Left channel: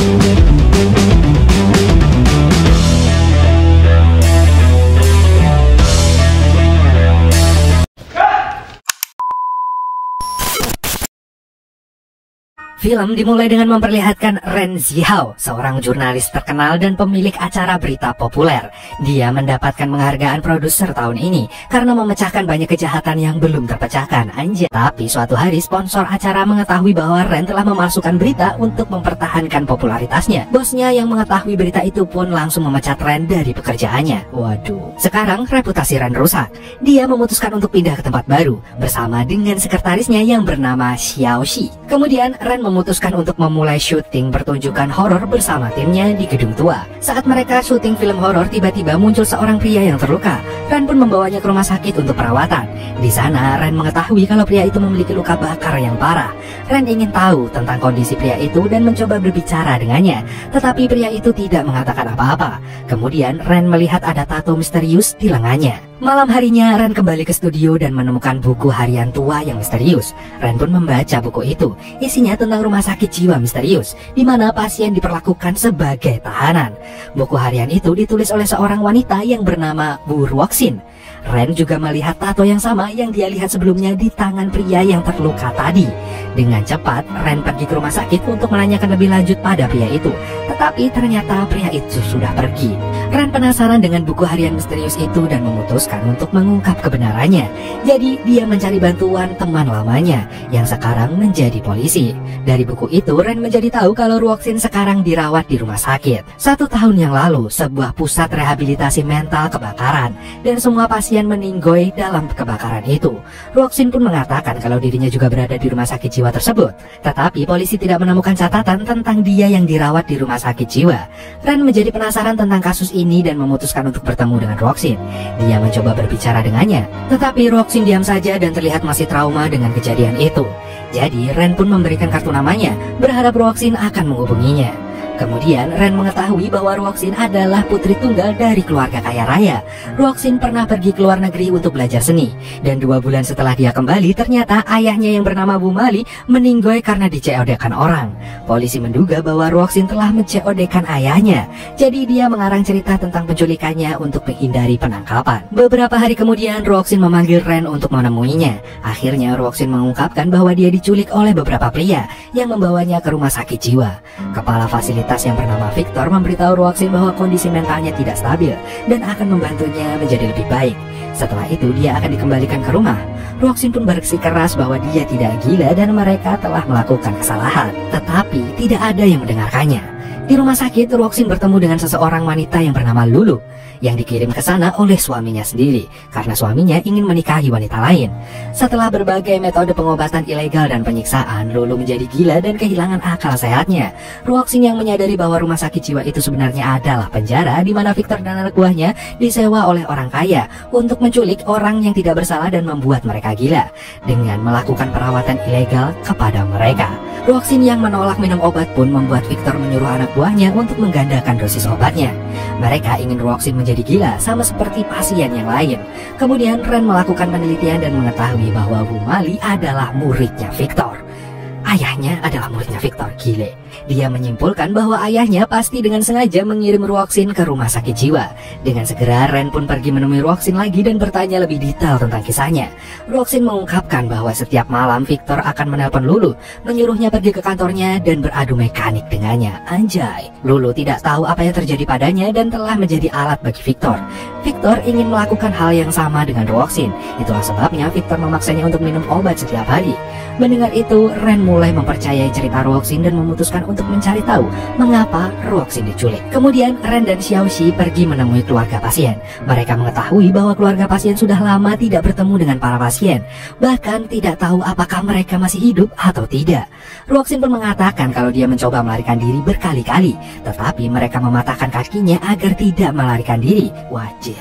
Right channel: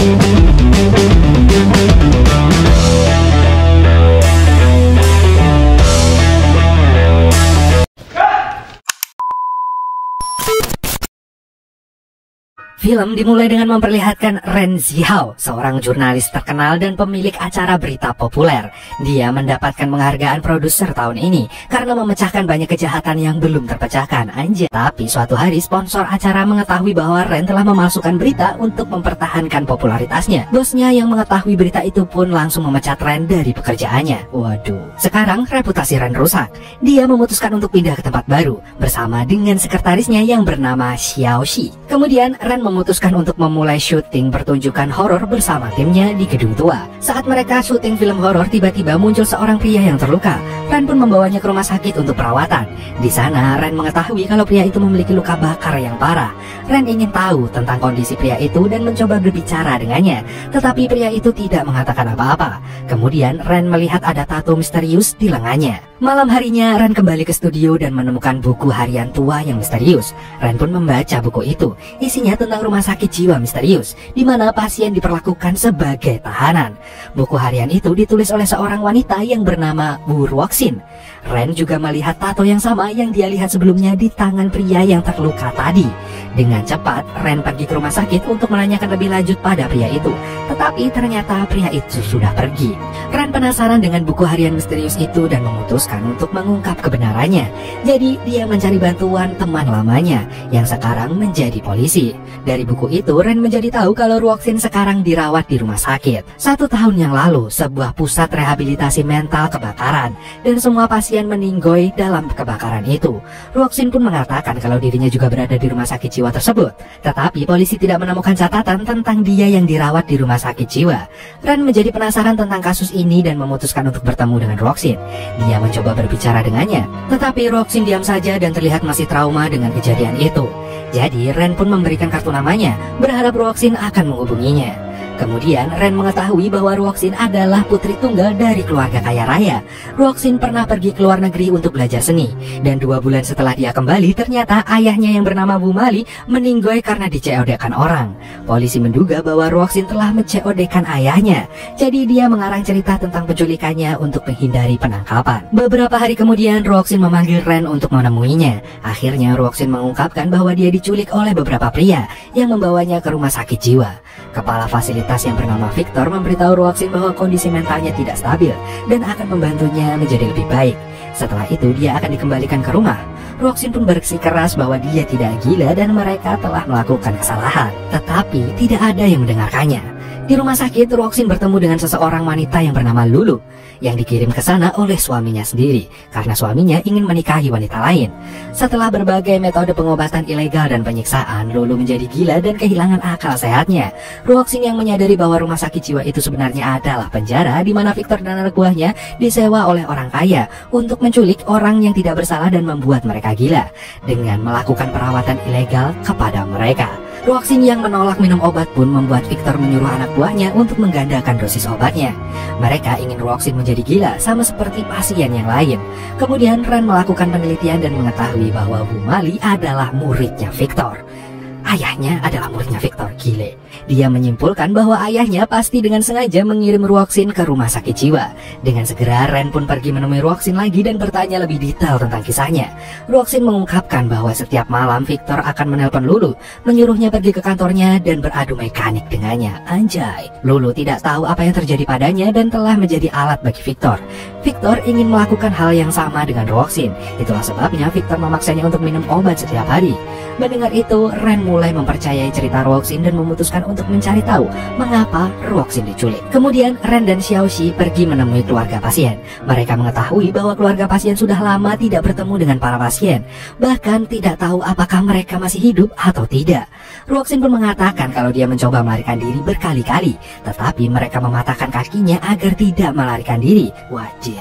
Film dimulai dengan memperlihatkan Ren Zihao, seorang jurnalis terkenal dan pemilik acara berita populer. Dia mendapatkan penghargaan produser tahun ini karena memecahkan banyak kejahatan yang belum terpecahkan, anjay. Tapi suatu hari sponsor acara mengetahui bahwa Ren telah memalsukan berita untuk mempertahankan popularitasnya. Bosnya yang mengetahui berita itu pun langsung memecat Ren dari pekerjaannya. Waduh, sekarang reputasi Ren rusak. Dia memutuskan untuk pindah ke tempat baru bersama dengan sekretarisnya yang bernama Xiao Shi. Kemudian Ren memutuskan untuk memulai syuting pertunjukan horor bersama timnya di gedung tua. Saat mereka syuting film horor, tiba-tiba muncul seorang pria yang terluka. Ren pun membawanya ke rumah sakit untuk perawatan. Di sana Ren mengetahui kalau pria itu memiliki luka bakar yang parah. Ren ingin tahu tentang kondisi pria itu dan mencoba berbicara dengannya, tetapi pria itu tidak mengatakan apa-apa. Kemudian Ren melihat ada tato misterius di lengannya. Malam harinya Ren kembali ke studio dan menemukan buku harian tua yang misterius. Ren pun membaca buku itu. Isinya tentang rumah sakit jiwa misterius di mana pasien diperlakukan sebagai tahanan. Buku harian itu ditulis oleh seorang wanita yang bernama Bu Ruoxin. Ren juga melihat tato yang sama yang dia lihat sebelumnya di tangan pria yang terluka tadi. Dengan cepat Ren pergi ke rumah sakit untuk menanyakan lebih lanjut pada pria itu, tetapi ternyata pria itu sudah pergi. Ren penasaran dengan buku harian misterius itu dan memutuskan untuk mengungkap kebenarannya. Jadi dia mencari bantuan teman lamanya yang sekarang menjadi polisi. Dari buku itu Ren menjadi tahu kalau Ruoxin sekarang dirawat di rumah sakit. 1 tahun yang lalu sebuah pusat rehabilitasi mental kebakaran dan semua pasien meninggoy dalam kebakaran itu. Ruoxin pun mengatakan kalau dirinya juga berada di rumah sakit jiwa tersebut, tetapi polisi tidak menemukan catatan tentang dia yang dirawat di rumah sakit jiwa. Ren menjadi penasaran tentang kasus ini dan memutuskan untuk bertemu dengan Ruoxin. Dia mencoba berbicara dengannya, tetapi Ruoxin diam saja dan terlihat masih trauma dengan kejadian itu. Jadi Ren pun memberikan kartu namanya, berharap Ruoxin akan menghubunginya. Kemudian Ren mengetahui bahwa Ruoxin adalah putri tunggal dari keluarga kaya raya. Ruoxin pernah pergi ke luar negeri untuk belajar seni, dan 2 bulan setelah dia kembali ternyata ayahnya yang bernama Bu Mali meninggoy karena di-COD-kan orang. Polisi menduga bahwa Ruoxin telah men-COD-kan ayahnya. Jadi dia mengarang cerita tentang penculikannya untuk menghindari penangkapan. Beberapa hari kemudian Ruoxin memanggil Ren untuk menemuinya. Akhirnya Ruoxin mengungkapkan bahwa dia diculik oleh beberapa pria yang membawanya ke rumah sakit jiwa. Kepala fasilitas yang bernama Victor memberitahu Ruoxin bahwa kondisi mentalnya tidak stabil dan akan membantunya menjadi lebih baik. Setelah itu dia akan dikembalikan ke rumah. Ruoxin pun bersikeras bahwa dia tidak gila dan mereka telah melakukan kesalahan, tetapi tidak ada yang mendengarkannya. Di rumah sakit, Ruoxin bertemu dengan seseorang wanita yang bernama Lulu yang dikirim ke sana oleh suaminya sendiri karena suaminya ingin menikahi wanita lain. Setelah berbagai metode pengobatan ilegal dan penyiksaan, Lulu menjadi gila dan kehilangan akal sehatnya. Ruoxin yang menyadari bahwa rumah sakit jiwa itu sebenarnya adalah penjara di mana Victor dan anak buahnya disewa oleh orang kaya untuk menculik orang yang tidak bersalah dan membuat mereka gila dengan melakukan perawatan ilegal kepada mereka. Ruoxin yang menolak minum obat pun membuat Victor menyuruh anak buahnya untuk menggandakan dosis obatnya. Mereka ingin Ruoxin menjadi gila sama seperti pasien yang lain. Kemudian Ren melakukan penelitian dan mengetahui bahwa Bu Mali adalah muridnya Victor. Ayahnya adalah muridnya Victor, gile. Dia menyimpulkan bahwa ayahnya pasti dengan sengaja mengirim Ruoxin ke rumah sakit jiwa. Dengan segera Ren pun pergi menemui Ruoxin lagi dan bertanya lebih detail tentang kisahnya. Ruoxin mengungkapkan bahwa setiap malam Victor akan menelpon Lulu, menyuruhnya pergi ke kantornya dan beradu mekanik dengannya. Anjay, Lulu tidak tahu apa yang terjadi padanya dan telah menjadi alat bagi Victor. Victor ingin melakukan hal yang sama dengan Ruoxin. Itulah sebabnya Victor memaksanya untuk minum obat setiap hari. Mendengar itu, Ren mulai mempercayai cerita Ruoxin dan memutuskan untuk mencari tahu mengapa Ruoxin diculik. Kemudian Ren dan Xiao Shi pergi menemui keluarga pasien. Mereka mengetahui bahwa keluarga pasien sudah lama tidak bertemu dengan para pasien, bahkan tidak tahu apakah mereka masih hidup atau tidak. Ruoxin pun mengatakan kalau dia mencoba melarikan diri berkali-kali, tetapi mereka mematahkan kakinya agar tidak melarikan diri. Wajir.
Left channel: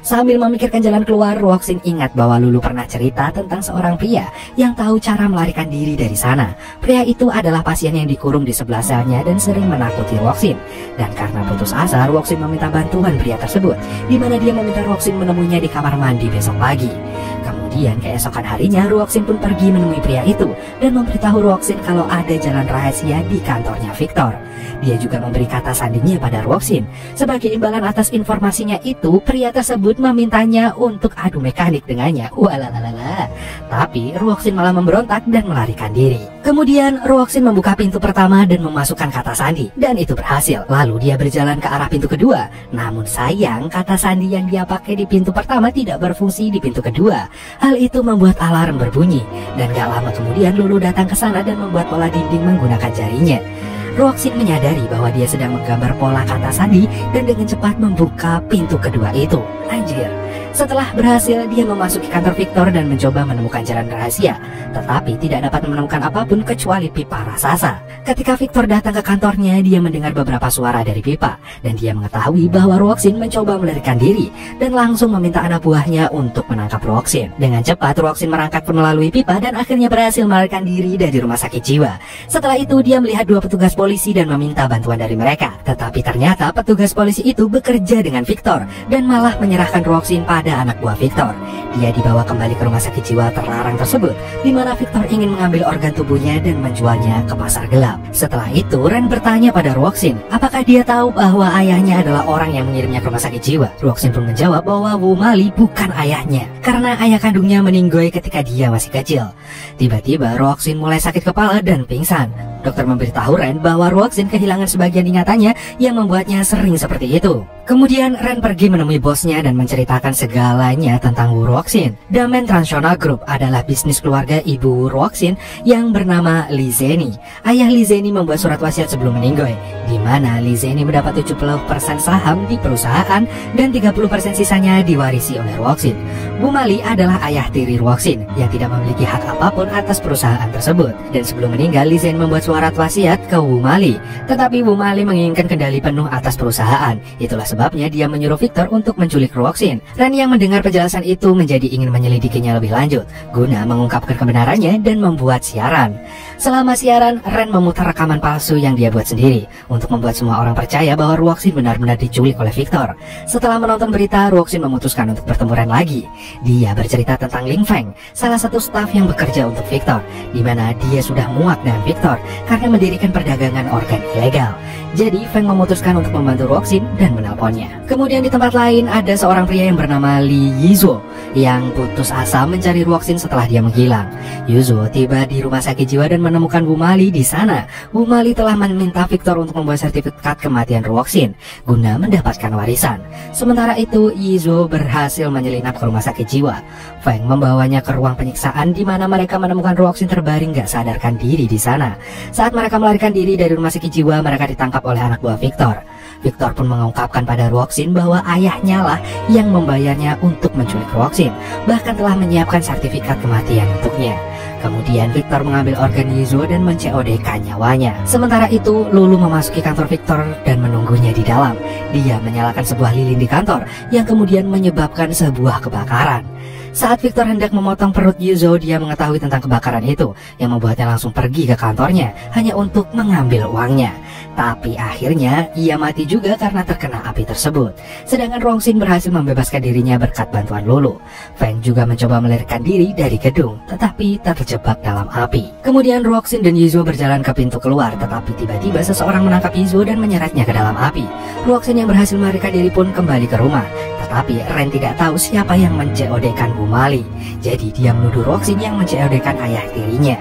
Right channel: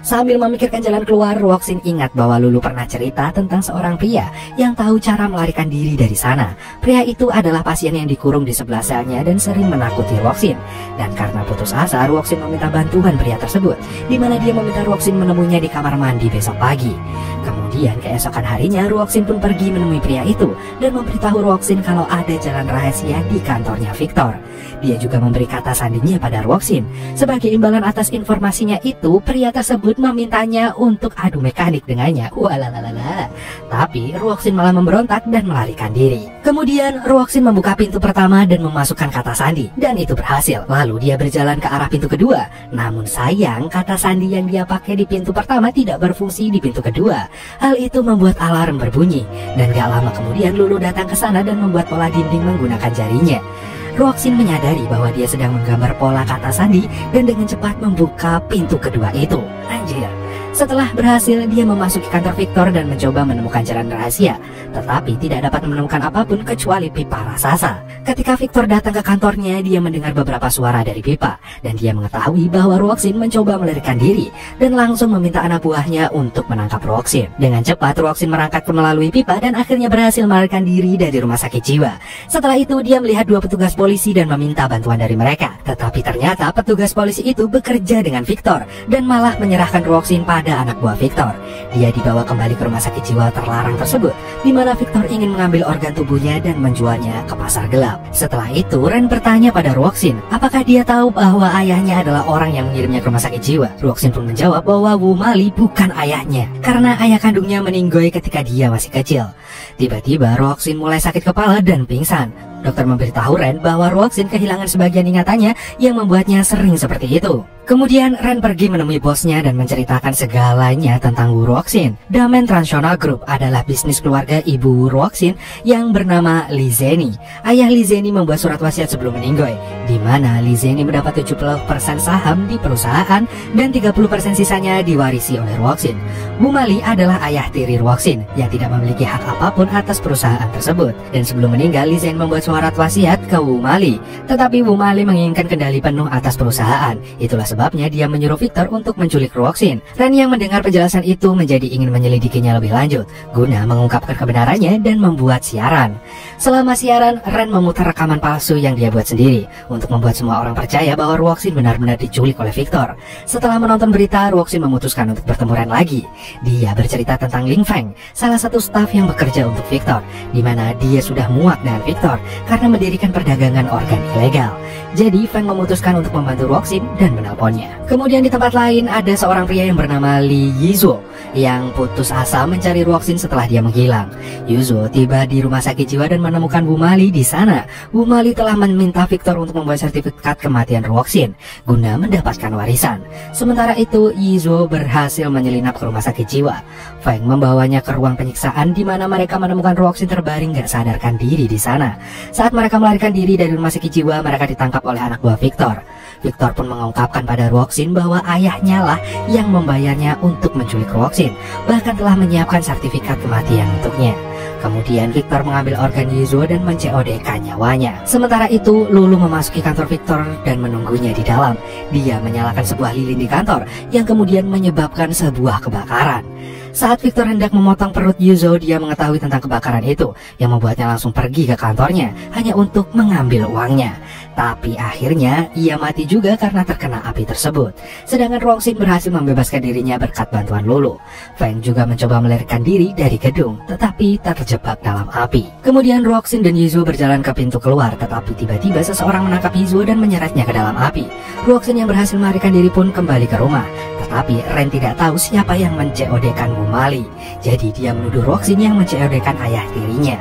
Sambil memikirkan jalan keluar, Ruoxin ingat bahwa Lulu pernah cerita tentang seorang pria yang tahu cara melarikan diri dari sana. Pria itu adalah pasien yang dikurung di sebelah selnya dan sering menakuti Ruoxin. Dan karena putus asa, Ruoxin meminta bantuan pria tersebut, di mana dia meminta Ruoxin menemuinya di kamar mandi besok pagi. Kemudian Kemudian keesokan harinya Ruoxin pun pergi menemui pria itu dan memberitahu Ruoxin kalau ada jalan rahasia di kantornya Victor. Dia juga memberi kata sandinya pada Ruoxin. Sebagai imbalan atas informasinya itu, pria tersebut memintanya untuk adu mekanik dengannya. Walalala. Tapi Ruoxin malah memberontak dan melarikan diri. Kemudian Ruoxin membuka pintu pertama dan memasukkan kata sandi, dan itu berhasil. Lalu dia berjalan ke arah pintu kedua. Namun sayang, kata sandi yang dia pakai di pintu pertama tidak berfungsi di pintu kedua. Hal itu membuat alarm berbunyi, dan gak lama kemudian Lulu datang ke sana dan membuat pola dinding menggunakan jarinya. Ruoxin menyadari bahwa dia sedang menggambar pola kata sandi dan dengan cepat membuka pintu kedua itu. Anjir. Setelah berhasil, dia memasuki kantor Victor dan mencoba menemukan jalan rahasia, tetapi tidak dapat menemukan apapun kecuali pipa raksasa. Ketika Victor datang ke kantornya, dia mendengar beberapa suara dari pipa, dan dia mengetahui bahwa Ruoxin mencoba melarikan diri, dan langsung meminta anak buahnya untuk menangkap Ruoxin. Dengan cepat, Ruoxin merangkak melalui pipa dan akhirnya berhasil melarikan diri dari rumah sakit jiwa. Setelah itu, dia melihat dua petugas polisi dan meminta bantuan dari mereka. Tetapi ternyata petugas polisi itu bekerja dengan Victor, dan malah menyerahkan Ruoxin pada anak buah Victor. Dia dibawa kembali ke rumah sakit jiwa terlarang tersebut, di mana Victor ingin mengambil organ tubuhnya dan menjualnya ke pasar gelap. Setelah itu, Ren bertanya pada Ruoxin, apakah dia tahu bahwa ayahnya adalah orang yang mengirimnya ke rumah sakit jiwa. Ruoxin pun menjawab bahwa Wu Mali bukan ayahnya, karena ayah kandungnya meninggoy ketika dia masih kecil. Tiba-tiba Ruoxin mulai sakit kepala dan pingsan. Dokter memberitahu Ren bahwa Ruoxin kehilangan sebagian ingatannya yang membuatnya sering seperti itu. Kemudian Ren pergi menemui bosnya dan menceritakan segalanya tentang Wu Ruoxin. Damen Transnational Group adalah bisnis keluarga ibu Wu Ruoxin yang bernama Li Zeni. Ayah Li Zeni membuat surat wasiat sebelum meninggoy, di mana Li Zeni mendapat 70% saham di perusahaan dan 30% sisanya diwarisi oleh Ruoxin. Wu Mali adalah ayah tiri Ruoxin yang tidak memiliki hak apapun atas perusahaan tersebut. Dan sebelum meninggal, Li Zeni membuat surat wasiat ke Wu Mali, tetapi Wu Mali menginginkan kendali penuh atas perusahaan. Itulah sebabnya dia menyuruh Victor untuk menculik Ruoxin. Ren yang mendengar penjelasan itu menjadi ingin menyelidikinya lebih lanjut guna mengungkapkan kebenarannya dan membuat siaran. Selama siaran, Ren memutar rekaman palsu yang dia buat sendiri untuk membuat semua orang percaya bahwa Ruoxin benar-benar diculik oleh Victor. Setelah menonton berita, Ruoxin memutuskan untuk bertempuran lagi. Dia bercerita tentang Ling Feng, salah satu staf yang bekerja untuk Victor, di mana dia sudah muak dengan Victor karena mendirikan perdagangan organ ilegal. Jadi Feng memutuskan untuk membantu Ruoxin dan menelponnya. Kemudian di tempat lain ada seorang pria yang bernama Li Yizuo yang putus asa mencari Ruoxin setelah dia menghilang. Yizuo tiba di rumah sakit jiwa dan menemukan Wu Mali di sana. Wu Mali telah meminta Victor untuk membuat sertifikat kematian Ruoxin guna mendapatkan warisan. Sementara itu, Yizuo berhasil menyelinap ke rumah sakit jiwa. Feng membawanya ke ruang penyiksaan di mana mereka menemukan Ruoxin terbaring gak sadarkan diri di sana. Saat mereka melarikan diri dari rumah sakit jiwa, mereka ditangkap oleh anak buah Victor. Victor pun mengungkapkan pada Ruoxin bahwa ayahnya lah yang membayarnya untuk menculik Ruoxin, bahkan telah menyiapkan sertifikat kematian untuknya. Kemudian Victor mengambil organ Yizuo dan men-COD-kan nyawanya. Sementara itu, Lulu memasuki kantor Victor dan menunggunya di dalam. Dia menyalakan sebuah lilin di kantor yang kemudian menyebabkan sebuah kebakaran. Saat Victor hendak memotong perut Yizuo, dia mengetahui tentang kebakaran itu yang membuatnya langsung pergi ke kantornya hanya untuk mengambil uangnya. Tapi akhirnya ia mati juga karena terkena api tersebut. Sedangkan Ruoxin berhasil membebaskan dirinya berkat bantuan Lulu. Feng juga mencoba melarikan diri dari gedung, tetapi terjebak dalam api. Kemudian Ruoxin dan Yizuo berjalan ke pintu keluar, tetapi tiba-tiba seseorang menangkap Yizuo dan menyeretnya ke dalam api. Ruoxin yang berhasil melarikan diri pun kembali ke rumah. Tetapi Ren tidak tahu siapa yang men-COD-kan Wu Mali. Jadi dia menuduh Ruoxin yang men-COD-kan ayah tirinya.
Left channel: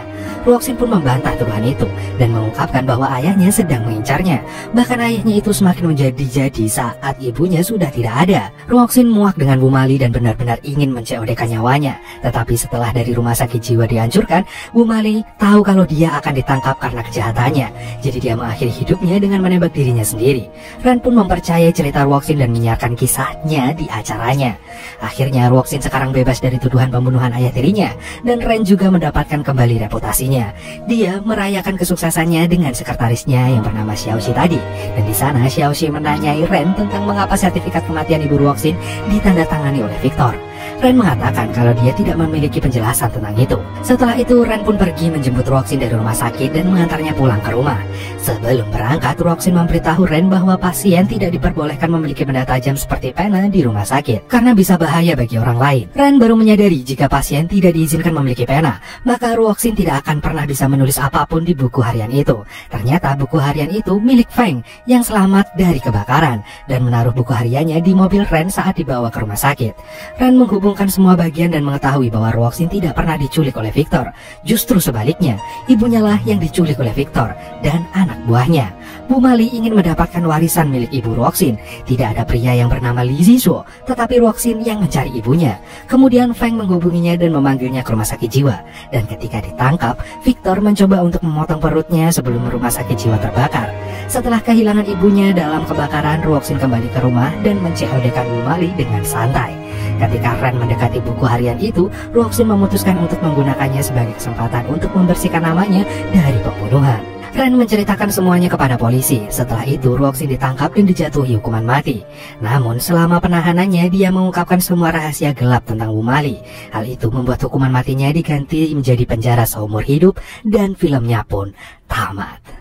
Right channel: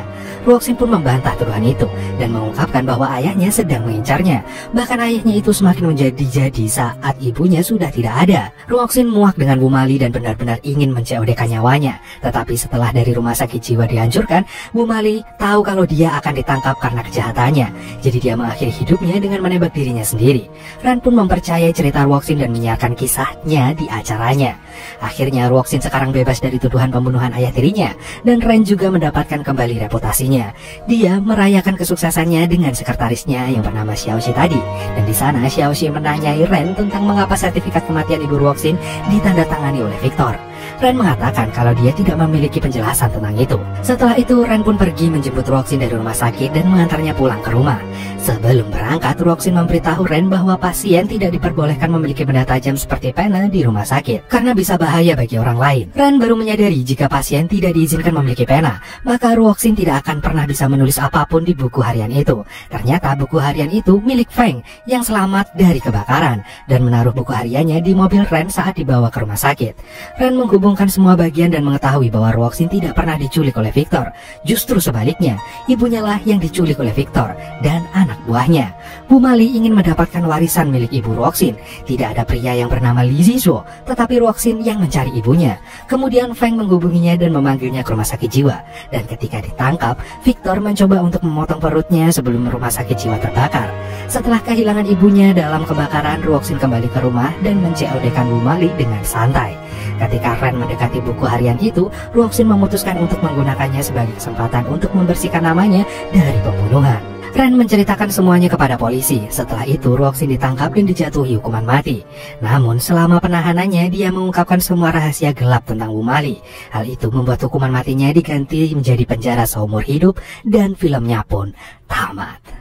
Ruoxin pun membantah tuduhan itu dan mengungkapkan bahwa ayahnya sedang mengincarnya. Bahkan ayahnya itu semakin menjadi-jadi saat ibunya sudah tidak ada. Ruoxin muak dengan Wu Mali dan benar-benar ingin men-COD-kan nyawanya. Tetapi setelah dari rumah sakit jiwa dihancurkan, Wu Mali tahu kalau dia akan ditangkap karena kejahatannya. Jadi dia mengakhiri hidupnya dengan menembak dirinya sendiri. Ren pun mempercayai cerita Ruoxin dan menyiarkan kisahnya di acaranya. Akhirnya Ruoxin sekarang bebas dari tuduhan pembunuhan ayah tirinya, dan Ren juga mendapatkan kembali reputasinya. Dia merayakan kesuksesannya dengan sekretarisnya yang bernama Xiaoxi tadi. Dan di sana Xiaoxi menanyai Ren tentang mengapa sertifikat kematian ibu Ruoxin ditandatangani oleh Victor. Ren mengatakan kalau dia tidak memiliki penjelasan tentang itu. Setelah itu, Ren pun pergi menjemput Roxin dari rumah sakit dan mengantarnya pulang ke rumah. Sebelum berangkat, Roxin memberitahu Ren bahwa pasien tidak diperbolehkan memiliki benda tajam seperti pena di rumah sakit karena bisa bahaya bagi orang lain. Ren baru menyadari jika pasien tidak diizinkan memiliki pena, maka Roxin tidak akan pernah bisa menulis apapun di buku harian itu. Ternyata buku harian itu milik Feng yang selamat dari kebakaran dan menaruh buku hariannya di mobil Ren saat dibawa ke rumah sakit. Ren menghubungkan semua bagian dan mengetahui bahwa Roxin tidak pernah diculik oleh Victor. Justru sebaliknya, ibunya lah yang diculik oleh Victor dan anak buahnya. Bu Mali ingin mendapatkan warisan milik ibu Roxin. Tidak ada pria yang bernama Li Zishuo, tetapi Roxin yang mencari ibunya. Kemudian Feng menghubunginya dan memanggilnya ke rumah sakit jiwa. Dan ketika ditangkap, Victor mencoba untuk memotong perutnya sebelum rumah sakit jiwa terbakar. Setelah kehilangan ibunya dalam kebakaran, Roxin kembali ke rumah dan men-COD-kan Bu Mali dengan santai. Ketika Ren mendekati buku harian itu, Roxin memutuskan untuk menggunakannya sebagai kesempatan untuk membersihkan namanya dari pembunuhan. Ren menceritakan semuanya kepada polisi. Setelah itu, Roxin ditangkap dan dijatuhi hukuman mati. Namun, selama penahanannya, dia mengungkapkan semua rahasia gelap tentang Bu Mali. Hal itu membuat hukuman matinya diganti menjadi penjara seumur hidup dan filmnya pun tamat.